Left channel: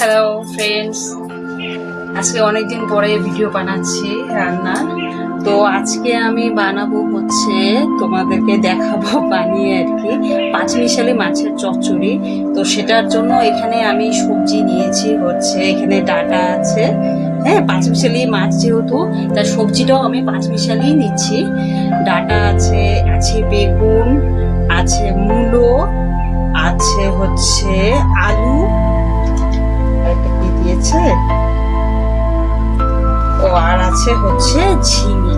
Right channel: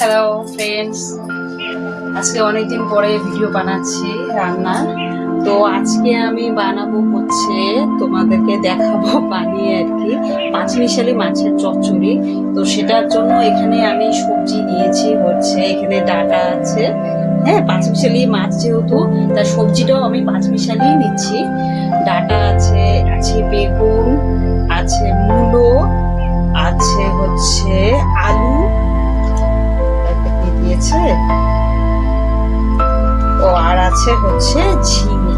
Hello friends আজকে অনেকদিন পরে ভিডিও বানাচ্ছি রান্নার তো আজকে আমি বানাবো হচ্ছে তোমাদেরকে দেখাবো বানিয়ে আর কি। পাঁচ পাঁচমিশালি মাছের চচ্চড়ি। তো সেটার জন্য এখানে আমি সবজি নিয়েছি, হচ্ছে এখানে ডাটা আছে। হ্যাঁ পাঁচমিশালি মাছ যেহেতু তার সবজিটাও আমি পাঁচ পাঁচমিশালি নিচ্ছি। ডাটা আছে আছে বেগুন, আছে মূলো, আছে হচ্ছে আলু একটা কি দিয়েছে? ও, আর আছে হচ্ছে ঝিঙে।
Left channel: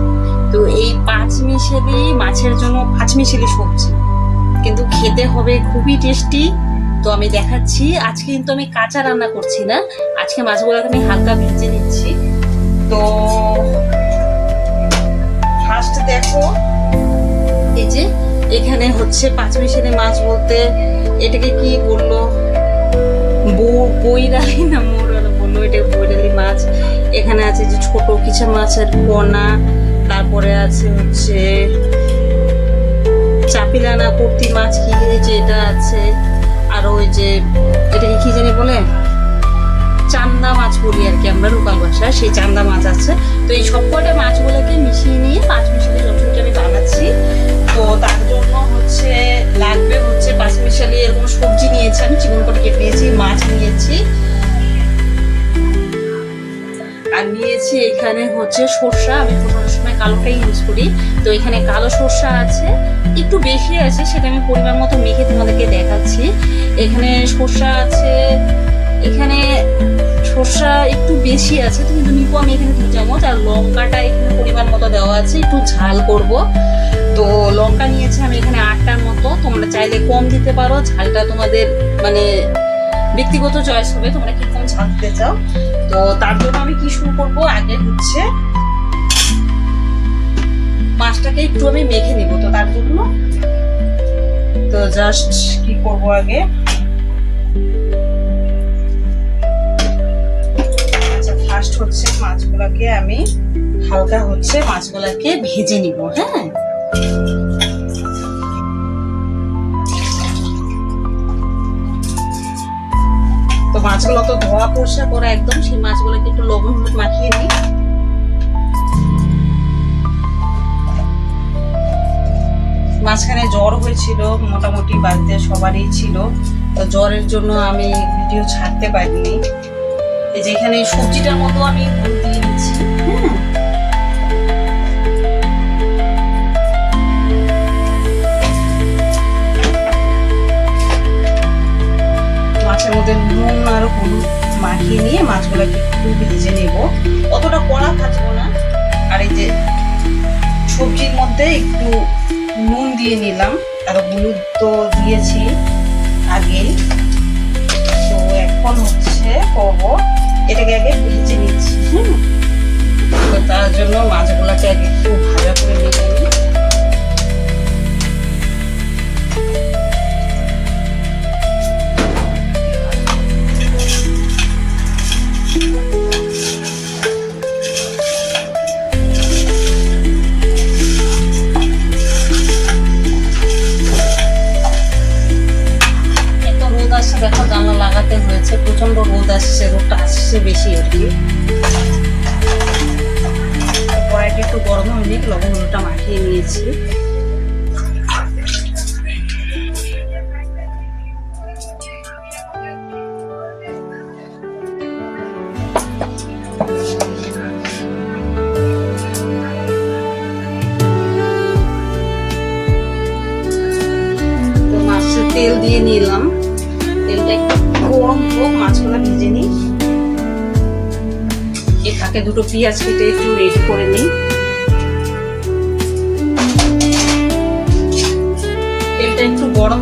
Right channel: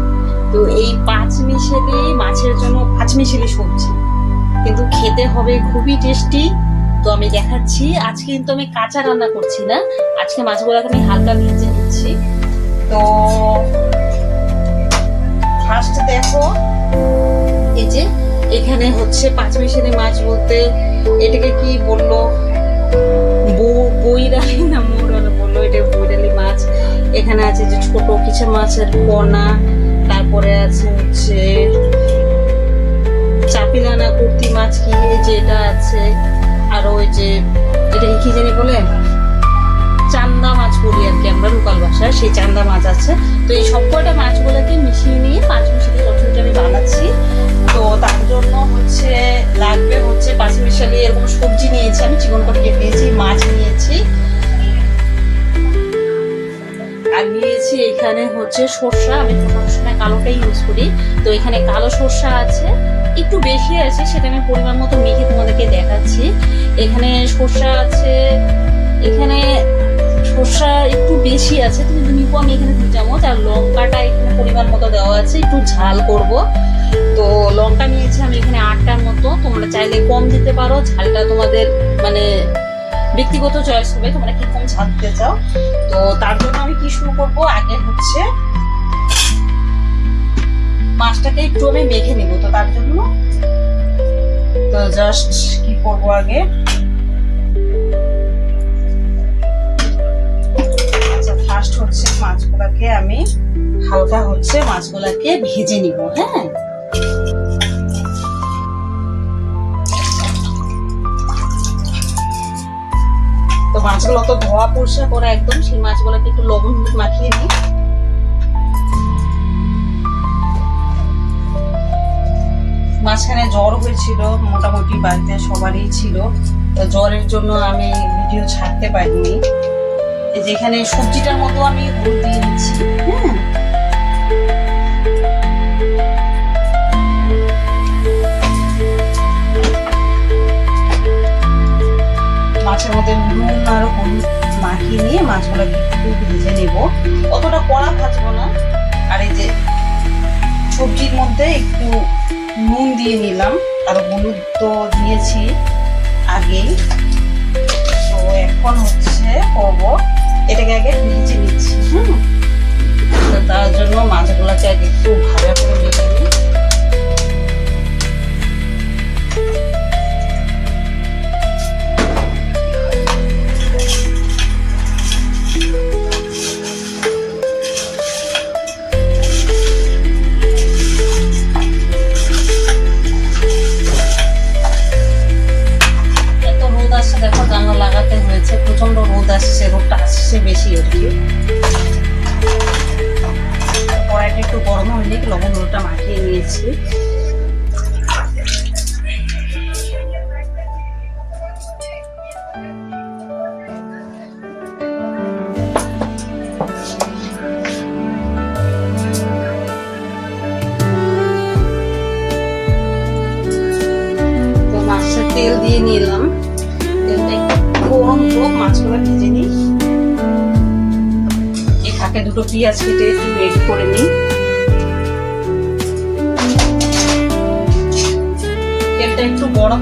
তো এই পাঁচ মিশেলি মাছের জন্য পাঁচ মিশেলি সবজি। কিন্তু খেতে হবে খুবই টেস্টি। তো আমি দেখাচ্ছি, আজকে কিন্তু আমি কাঁচা রান্না করছি না। আজকে মাছগুলোকে আমি হালকা ভেজে নিচ্ছি। তো ফার্স্ট দেখো, এই যে এখানে হচ্ছে পাঁচ মিশেলি মাছ বলতে এটাকে কি বলল? বৈরালি না মৌরালা বলল এটা বৈরালি মাছ। এখানে আছে যে ছোট কিছু মাছের পোনা তারপরে আছে হচ্ছে চাপিলানা কুর্তি মাছ কি যে এটা আছে, আর ওই যে এটা কি জানি বলে? চান্দা মাছ বলি আর কি আমরা লোকাল ভাষায়, সেই চান্দা মাছ আছে। তো এই সব কয়টা মাছগুলোকে মিশিয়ে নিয়ে পাঁচ মিশালি চটচড়িটা আমি বানাচ্ছি। তো তার জন্য হচ্ছে লাগবে হচ্ছে পাঁচ মিশালি এরকম সবজি নিয়েছি আমি, চিকন করে কেটে নিয়েছি, মাছ নিয়েছি। আর নিয়েছি এখানে হচ্ছে সর্ষা, আমি সবসময় সময় কালোটাই ইউজ করি। তো এখানে কালো সর্ষা আছে, একটু বেশি আছে, সেটা আমি পরিমাণ মতো মেখে তোমাদেরকে দেখাচ্ছি। এখানে সর্ষা আছে, এখানে সর্ষা একটু বেশি আছে কিন্তু নিবো আমি এখানে দু চামচ, আর লঙ্কাটা এখানে পরিমাণ মতো দেওয়া আছে, একটু ঝাল করব। তো লঙ্কা নিয়েছি আমি এখানে আটটার মতো। তোমরা চাইলে কম দিতে পারো, ঝালটা তোমাদের মানে ব্যক্তিগত চয়েস হবে, তোমরা কীরকম ঝাল দিতে চাও? তো তার জন্য আমি কি শুরু করব? আগে হচ্ছে মাছটাকে একটু আমি মেখে নিব, তো তার জন্য। তো জাস্ট কি করব আগে? আচ্ছা ফার্স্ট হচ্ছে মাছগুলাকে আমি হালকা হচ্ছে মাছগুলাকে ভেজে নিব হ্যাঁ? মাছগুলো তো ধোয়া পরিষ্কার করা একদম, সেই মাছগুলোকে একটু লবণ হলুদ মাখিয়ে নিই। মাঝখানে জ্বর হয়েছিল, মোটামুটি বাড়িতে সবারই ছিল। তো জ্বরের জন্য আমি ভিডিও ছাড়তে পারিনি। যেখানে সবজিটার মতো আমি হলুদ দিয়ে দিচ্ছি হ্যাঁ? হলুদ মাখিয়ে নিয়ে মাছগুলোকে একটু ভেজে নেব। অতটা কড়া ভাজবো না। আর এই যে সবজির মধ্যে একটু নুন দিয়ে নিলাম। আর হলুদ তো দিয়েছি আগেই। তো এখন হচ্ছে করব, এটাকে আগে ভেজে নিচ্ছি, হুম। তো তার জন্য মাছগুলোকে আগে একটু ভাজা করে নিয়ে নিই দিয়ে নিলাম। তেলটা একটু গরম হোক, মাছগুলো ভেজে নিই। এই দুটো পেঁয়াজ কেটে একটু রেডি করে নিই। তেলটা একটু গরম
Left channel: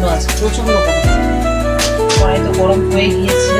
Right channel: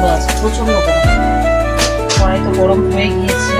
প্রচণ্ড আছে প্রচণ্ড গরম। কড়াই তো গরম হয়ে গিয়েছে।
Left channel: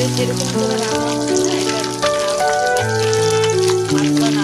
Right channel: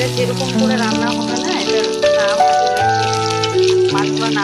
এটা যেরকম করে রান্না হবে না এটা মাছগুলো না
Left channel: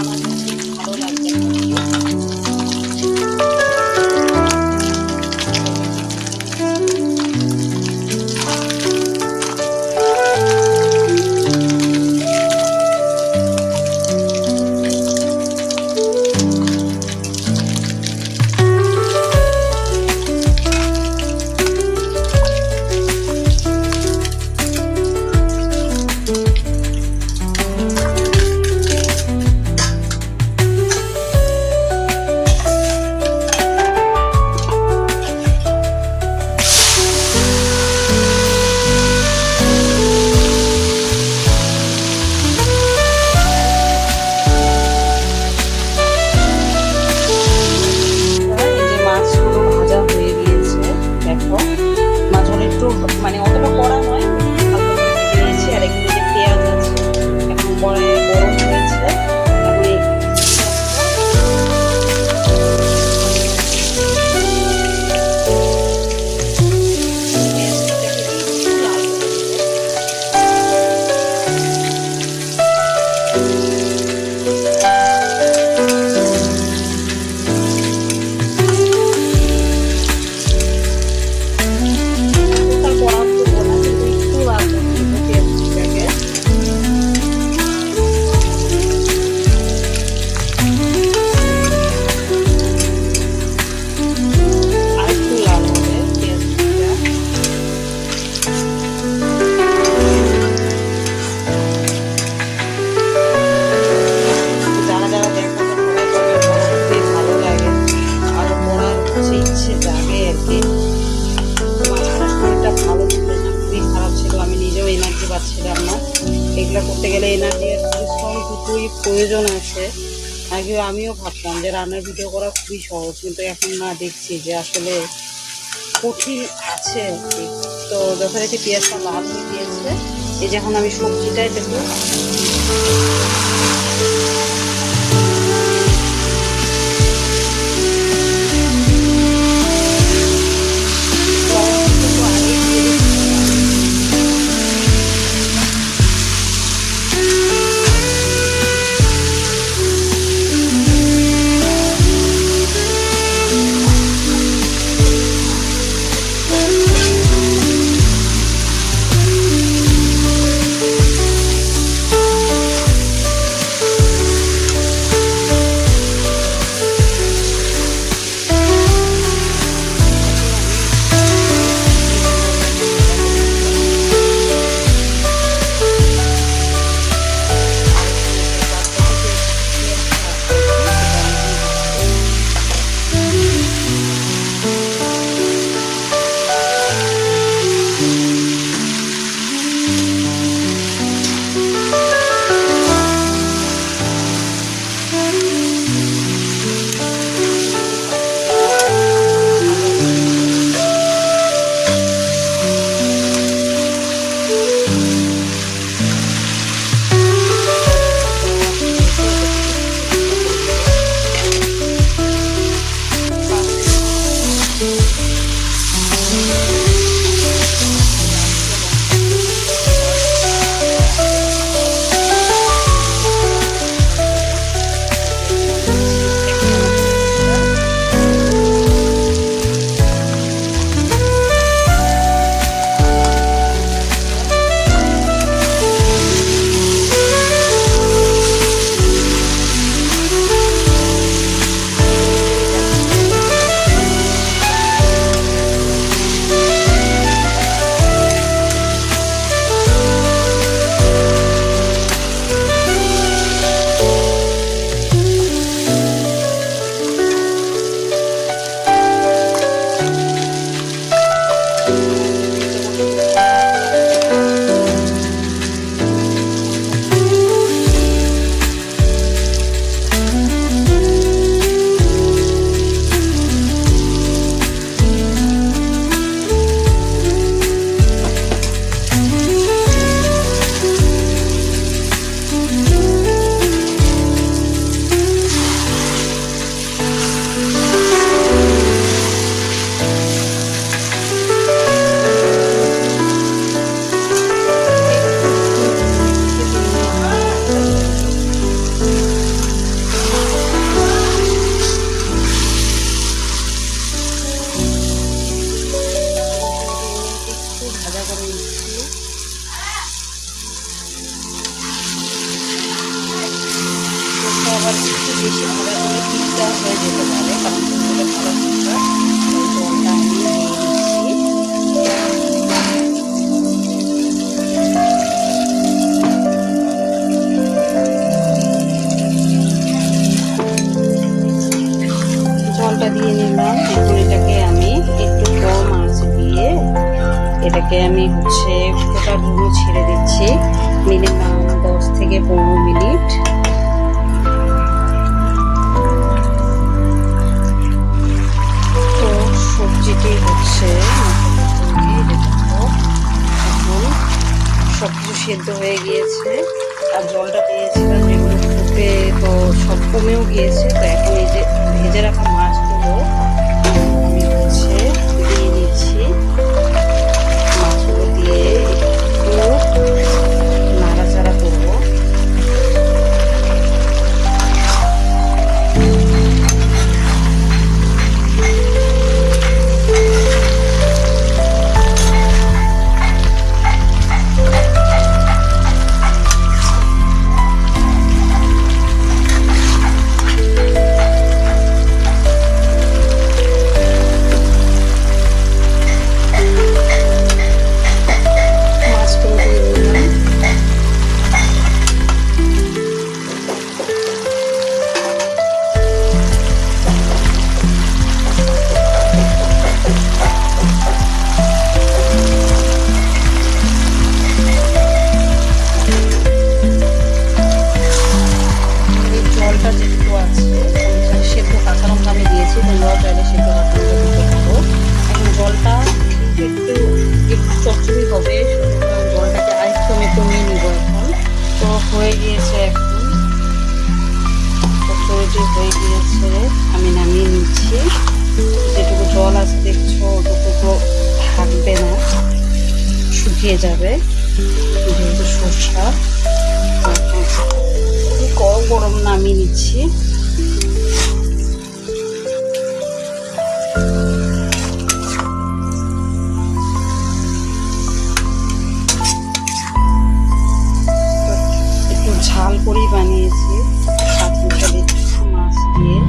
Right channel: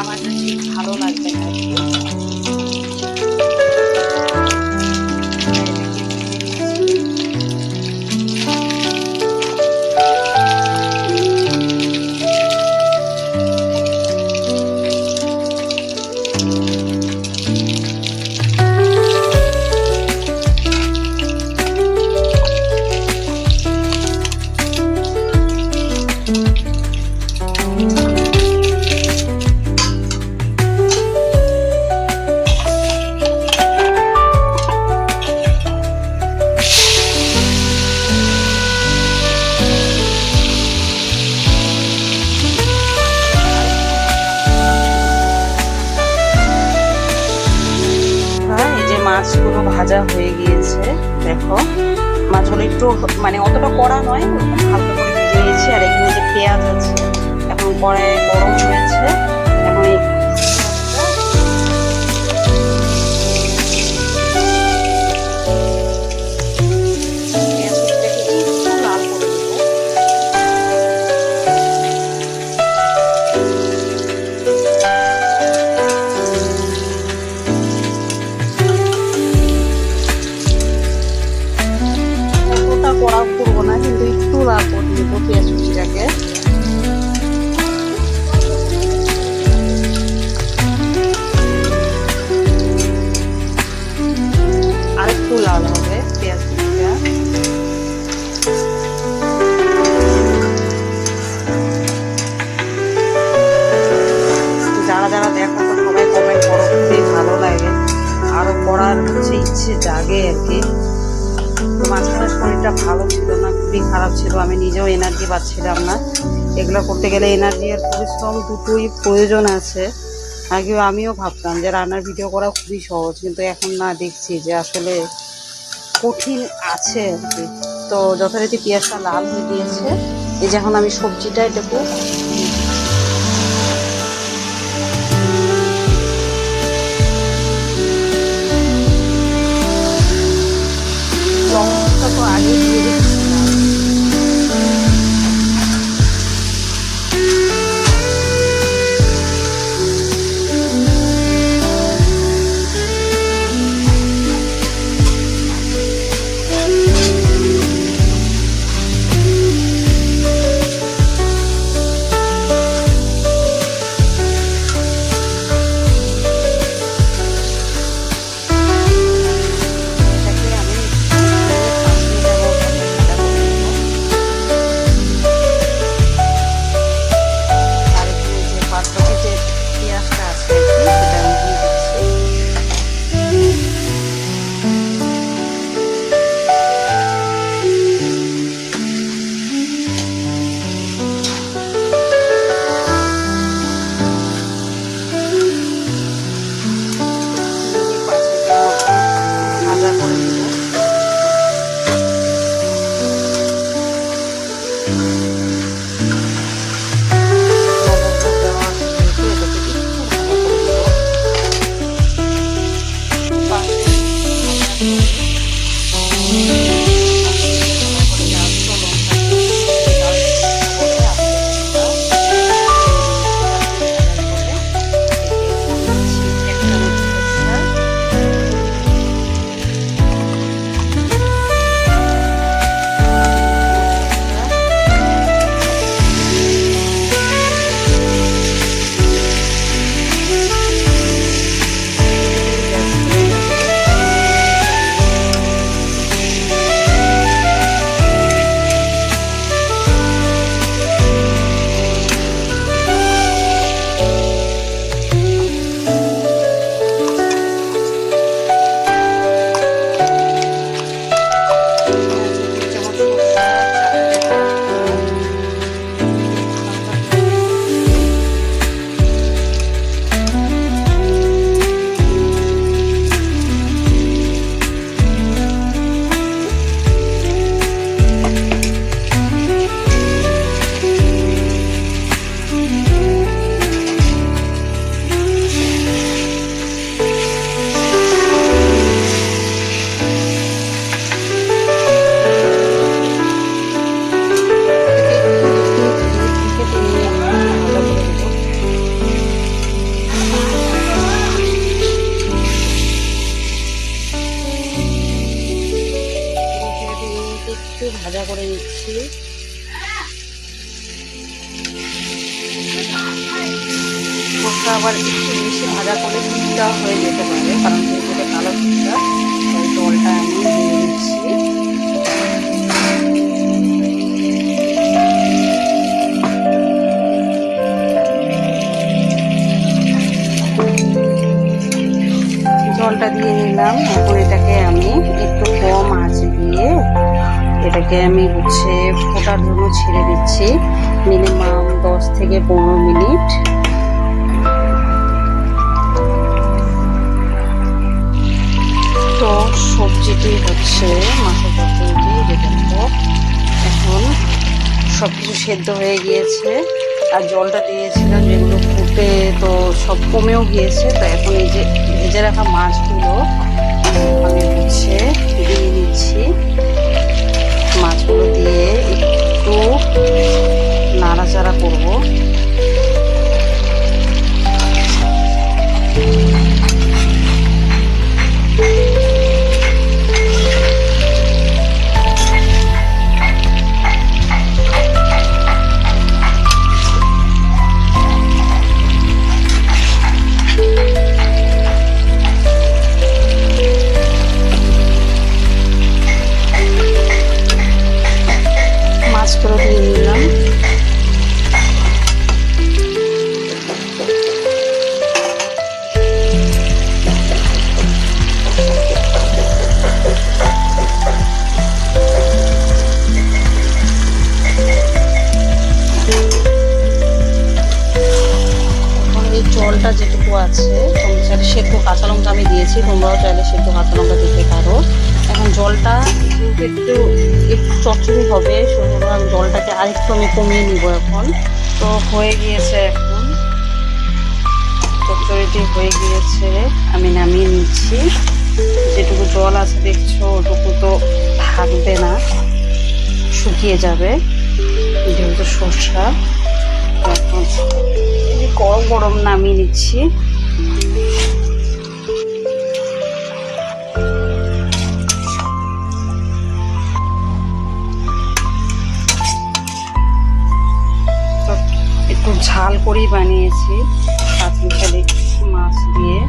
যারা দেখো তো, সবাই কমেন্ট করো, খুবই ভালো লাগে। আরও করার হচ্ছে ইচ্ছে জাগে আর কি। তো মাঝখানে শরীরটা ভালো ছিল না, খুবই খারাপ ছিল, আমি নিজেও এনার্জি পাচ্ছিলাম না। এগুলো করতে গেলে এনার্জি আর পরিশ্রম দুটোই প্রয়োজন আছে। আগে আমিও ভাবতাম যে রান্নার ভিডিও করা খুবই সহজ, কিন্তু এখন না দেখছি যে আসলে কঠিন আছে আর কি। তো যথারীতি পেঁয়াজটা লাল হয়ে গিয়েছে। এই যে এখন আমি সবজিটা এটাকে করে নিচ্ছি। কোকটা আবার একটু বেশি ভাজা করলে পিঠটা হয়ে যেতে পারে, কারণ যেহেতু কালো কুচটা ওই জলটা আমি দিয়ে নিচ্ছি জলটা দিয়ে নিলাম। এখন এটাকে আমি একটু কম আঁচ দিয়ে এটাকে আমি হচ্ছে ফোটার জন্য ছেড়ে দিচ্ছি। মিনিমাম দশ থেকে পনেরো মিনিট। তো সবজিটি হচ্ছে মাথা তৈরি এখন সব কিছু সেদ্ধ হয়ে গিয়েছে। আর জলটা দিয়েছিলাম যেগুলো ফুটে তো সব কমেও গিয়েছে। তো এখন এই যে ভেজে রাখা মাছগুলো আমি হচ্ছে দিয়ে নিচ্ছি। গিয়েছে আমি নামিয়ে নিচ্ছি। যেটুকু জল আছে দেখছ, ওটুকু তো থাকবে না, শুকিয়ে যাবে। যেহেতু সর্ষা এই গরম গরম নামিয়ে নিচ্ছি। ঝাল করেই বানিয়েছি। কাঁচমিশালি মাছ দিয়ে।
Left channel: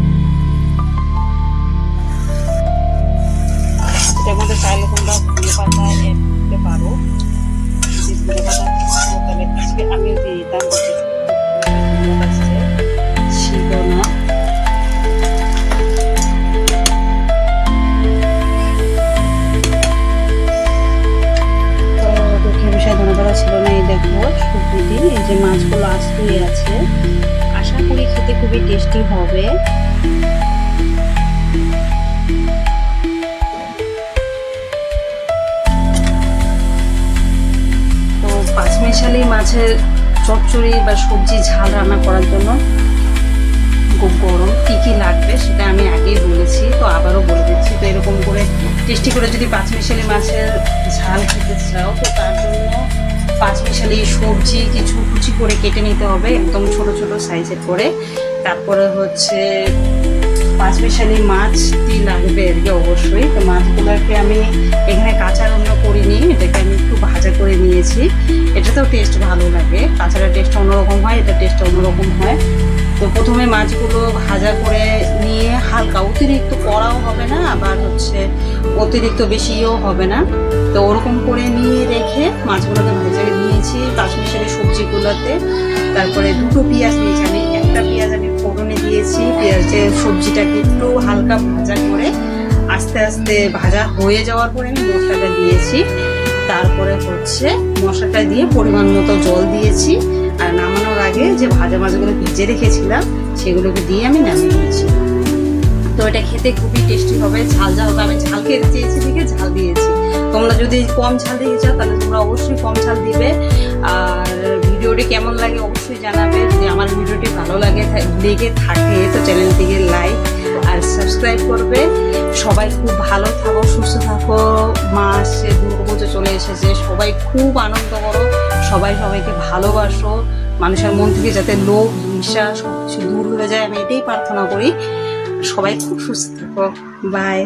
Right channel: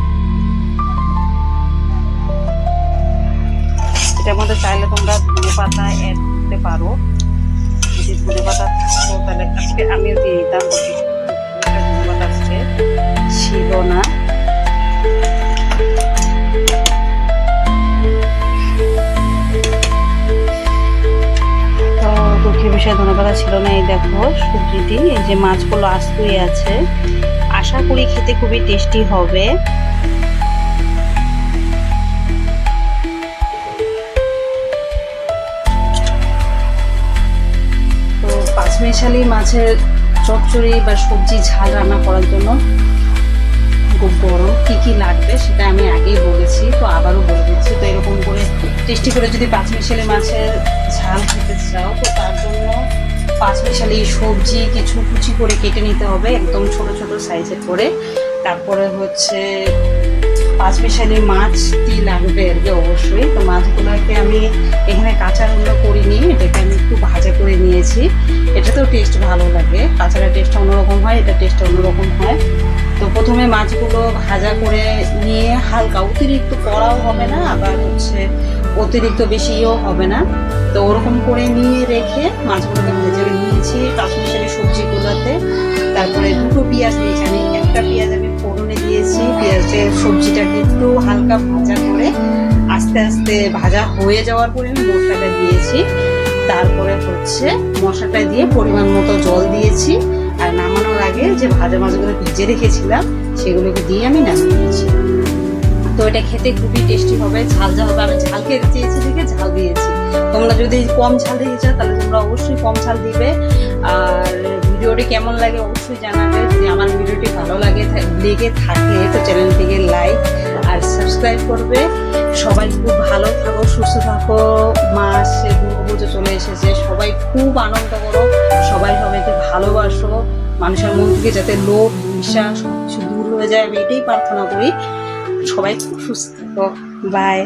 এটার মধ্যে চাইলে তোমরা ধনে পাতা অ্যাড করতে পারো। যদি ধনে পাতা থাকতো, তাহলে আজকে আমিও দিয়ে দিতাম ধনে পাতা আজকে ছিল না। দুঃখের বিষয় ধনেপাতা ছিল না, এই দেখো সবজিটি, এই যে মাছগুলো আস্তুই আছে। আশা করি খেতে খুবই টেস্টি হবে। তো পাঁচমিশালি মাছের চচ্চড়ি বা সবজি ঝাল রান্না করার জন্য গরম কী কী লাগবে সেটা আমি আগেই বলেছি, তো আবারও বলে দিচ্ছি, তো এরকম করে টেস্টি করে যদি পাঁচমিশালি মাছের ঝাল খেতে চাও, তো তার জন্য পাঁচমিশালি সবজি কিছু কুচি করে কেটে নিতে হবে, একদম ছোট ছোট সাইজের করে। তারপরে হচ্ছে পাঁচমিশালি মাছটি লাগবে? আর কি অবশ্যই। তো মাছগুলোকে আমি এখানে কাঁচা রান্না করিনি, এটাকে আমি একটু ভাজা করে নিয়েছি। এটাতেও টেস্ট ভালো লাগে। কাঁচাটা টেস্ট অন্যরকম হয়, এটা টেস্ট অন্যরকম হয়। তো প্রথমে মাছগুলো ভাজা করে নিয়ে হালকা, অতিরিক্ত কড়াও হবে না, আবার হচ্ছে অতিরিক্ত বেশিও হবে না। তো ওরকম করে নিয়ে রেখে মাছগুলোকে ভেজে নিয়েছি কাশ্মীরি সবজিগুলোতে। তারপরে দুটো পেঁয়াজ নিয়েছি। আমি দিয়েছি পেঁয়াজের সবজিটাকে একটু হালকা ভাজা করে আস্তে আস্তে ভাজা হয়ে যাওয়ার পরে আমি মশলাটা দিয়েছি। তারপরে হচ্ছে মশলাটা দিয়ে পরিমাণ মতো জল দিয়েছি আর নামানোর আগে যে ভাজা মাছগুলো ভেজে রেখেছিলাম, সেগুলোকে দিয়ে আমি নামিয়ে নিয়েছি। তো এটা খেতে খুবই টেস্টি হবে, ঝাল ঝাল হবে। আমি ঝাল খেতে চেয়েছি দেখে ঝাল দিয়েছি। তোমরা যদি কম ঝাল দিতে চাও, তাহলে তোমরা অবশ্যই কম ঝাল দিবে। আর ভিডিওটি কেমন লাগে অবশ্যই জানাবে। যদি আমার ভিডিওটি ভালো লাগে লেগে থাকে, তো চ্যানেলটিকে লাইক আর সাবস্ক্রাইব করবে। সবাই খুব ভালো থাকো, সুস্থ থাকো। মা আসছে দুর্গাপুজো চলে এসেছে। সবাই খুব আনন্দ করো। সবাই সবাইকে ভালোবাসো। মানুষের মন থেকে যাতে লোভ হিংসা সব কিছু দূর হয়ে যায়। আমি এটাই প্রার্থনা করি। সবাই খুব সুস্থ থাকো। বাই